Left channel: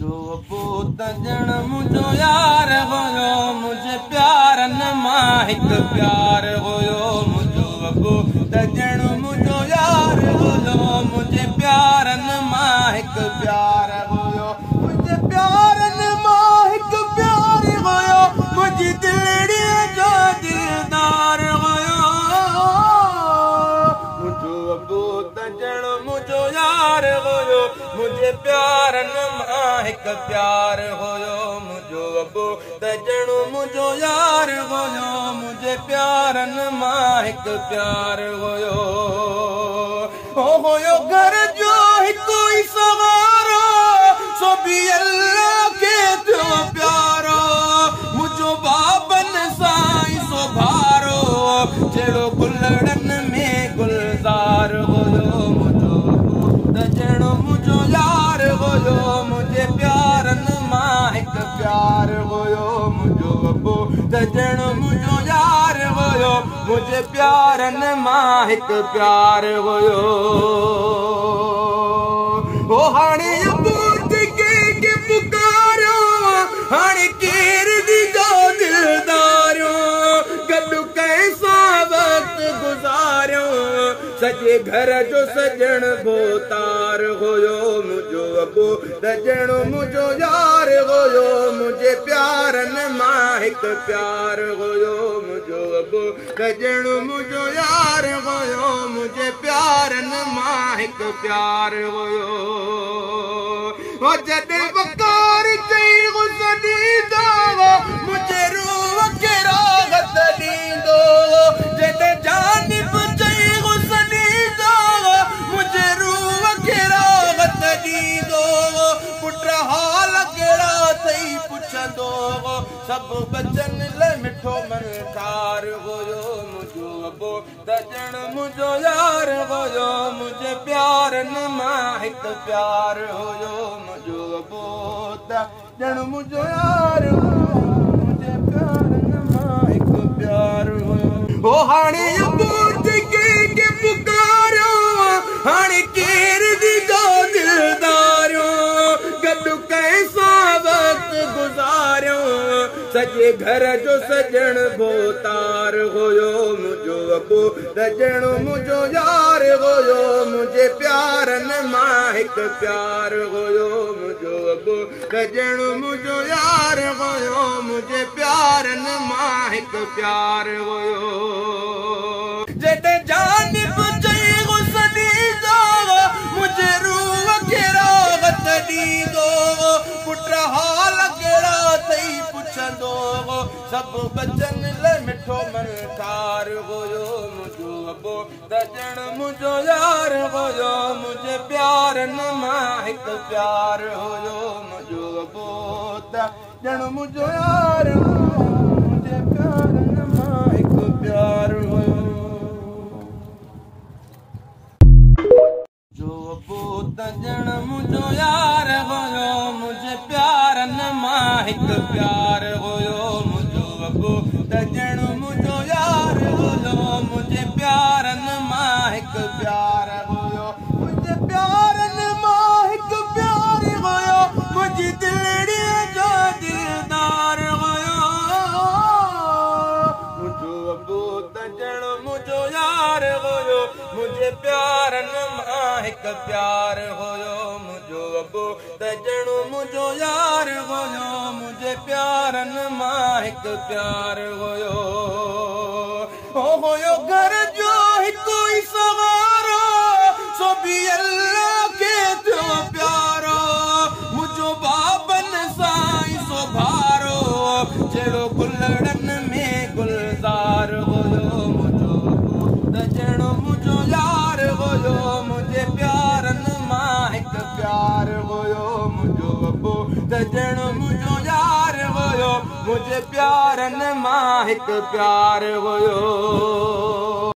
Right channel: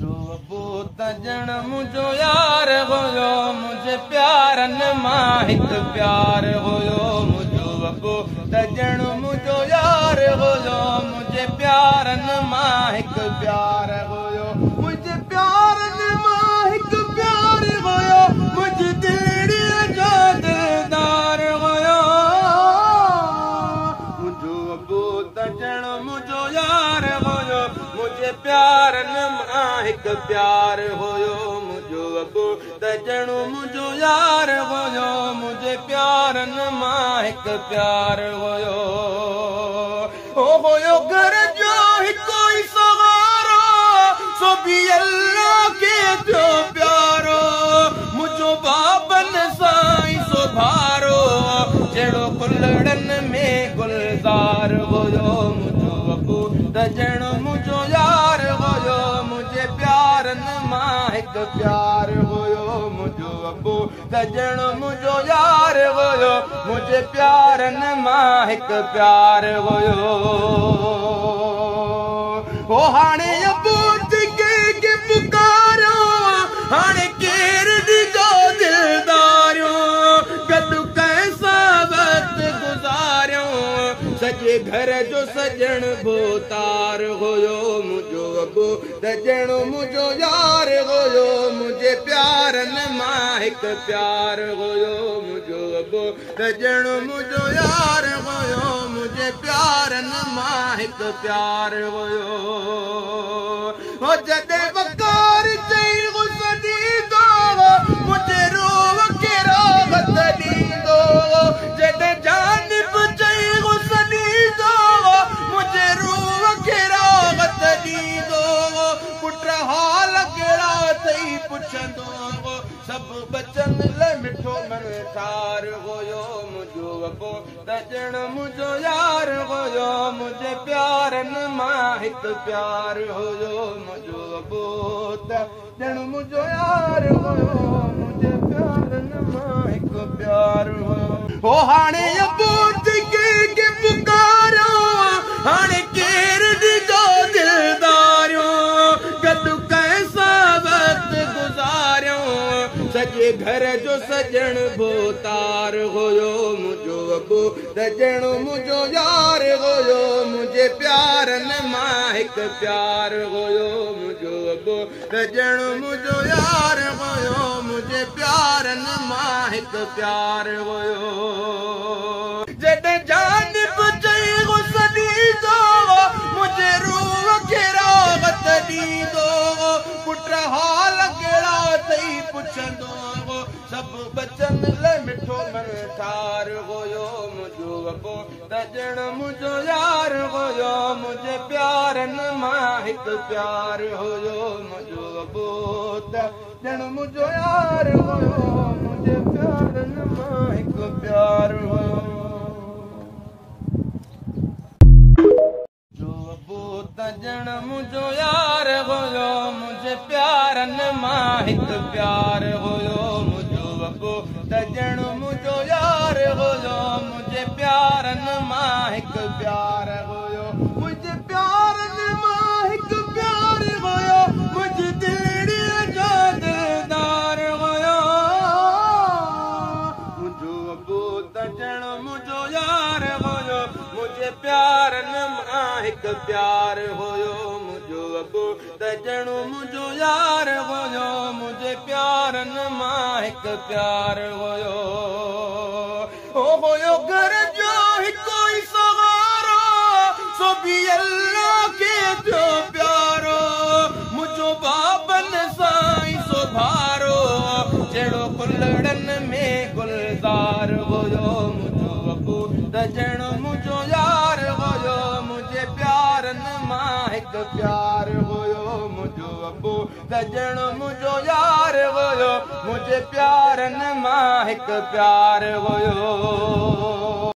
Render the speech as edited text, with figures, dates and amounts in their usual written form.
जो बोत जण मुझो यार होयो मुझे प्यारन मां हिक प्यार होयो मुझो बोत जण मुझो यार होयो मुझे प्यारन मां हिक प्यार होयो मुझे प्यारन मां हिक प्यार होयो मुझी दिलड़ी जो दिलदार होयो मुझो बोत जण मुझो यार होयो मुझे प्यारन मां हिक प्यार होयो मुझो बोत जण मुझो यार होयो मुझे प्यारन मां हिक प्यार होयो ओ होयो घर जो हिको ही सवारो सो भी अल्लाह के जो प्यारो मुझो बाबन साई सो भारो जड़ो गुलड़न में गुलजार होयो मुझो बोत जण मुझो यार होयो मुझे प्यारन मां हिक प्यार होयो मुझो बोत जण मुझो यार होयो मुझे प्यारन मां हिक प्यार होयो ओ हाणे बूत के पुकारो हाणे केर दी जो दिलदारियो गडु कैसा वक्त गुजारियो सजे घर जो सजण भोतार होयो मुझो बोत जण मुझो यार होयो मुझे प्यारन मां हिक प्यार होयो मुझो बोत जण मुझो यार होयो मुझे प्यारन मां हिक प्यार होयो ओ जॾहिं वकार चई गुज़र ॾींदो मुझे रोह के राहत ॾींदो जॾहिं जानिब चई गुज़र ॾींदो मुझे रूह के राहत ॾींदो पुट हाल कहिड़ा अथई पुछंदो सभु बचन लाइ मिठो मनसार होयो मुझो बोत जण मुझो यार होयो मुझे प्यारन मां हिक प्यार होयो मुझो बोत जण मुझो यार होयो मुझे प्यारन मां हिक प्यार होयो ओ हाणे बूत के पुकारो हाणे केर दी जो दिलदारियो गडु कैसा वक्त गुजारियो सजे घर जो सजण भोतार होयो मुझो बोत जण मुझो यार होयो मुझे प्यारन मां हिक प्यार होयो मुझो बोत जण मुझो यार होयो मुझे प्यारन मां हिक प्यार होयो जॾहिं जानिब चई गुज़र ॾींदो मुझे रूह के राहत ॾींदो पुट हाल कहिड़ा अथई पुछंदो सभु बचन लाइ मिठो मनसार होयो मुझो बोत जण मुझो यार होयो मुझे प्यारन मां हिक प्यार होयो मुझो बोत जण मुझो यार होयो मुझे प्यारन मां हिक प्यार होयो जो बोत जण मुझो यार होयो मुझे प्यारन मां हिक प्यार होयो मुझो बोत जण मुझो यार होयो मुझे प्यारन मां हिक प्यार होयो मुझे प्यारन मां हिक प्यार होयो मुझी दिलड़ी जो दिलदार होयो मुझो बोत जण मुझो यार होयो मुझे प्यारन मां हिक प्यार होयो मुझो बोत जण मुझो यार होयो मुझे प्यारन मां हिक प्यार होयो ओ होयो घर जो हिको ही सवारो सो भी अल्लाह के जो प्यारो मुझो बाबन साई सो भारो जड़ो गुलड़न में गुलजार होयो मुझो बोत जण मुझो यार होयो मुझे प्यारन मां हिक प्यार होयो मुझो बोत जण मुझो यार होयो मुझे प्यारन मां हिक प्यार होयो।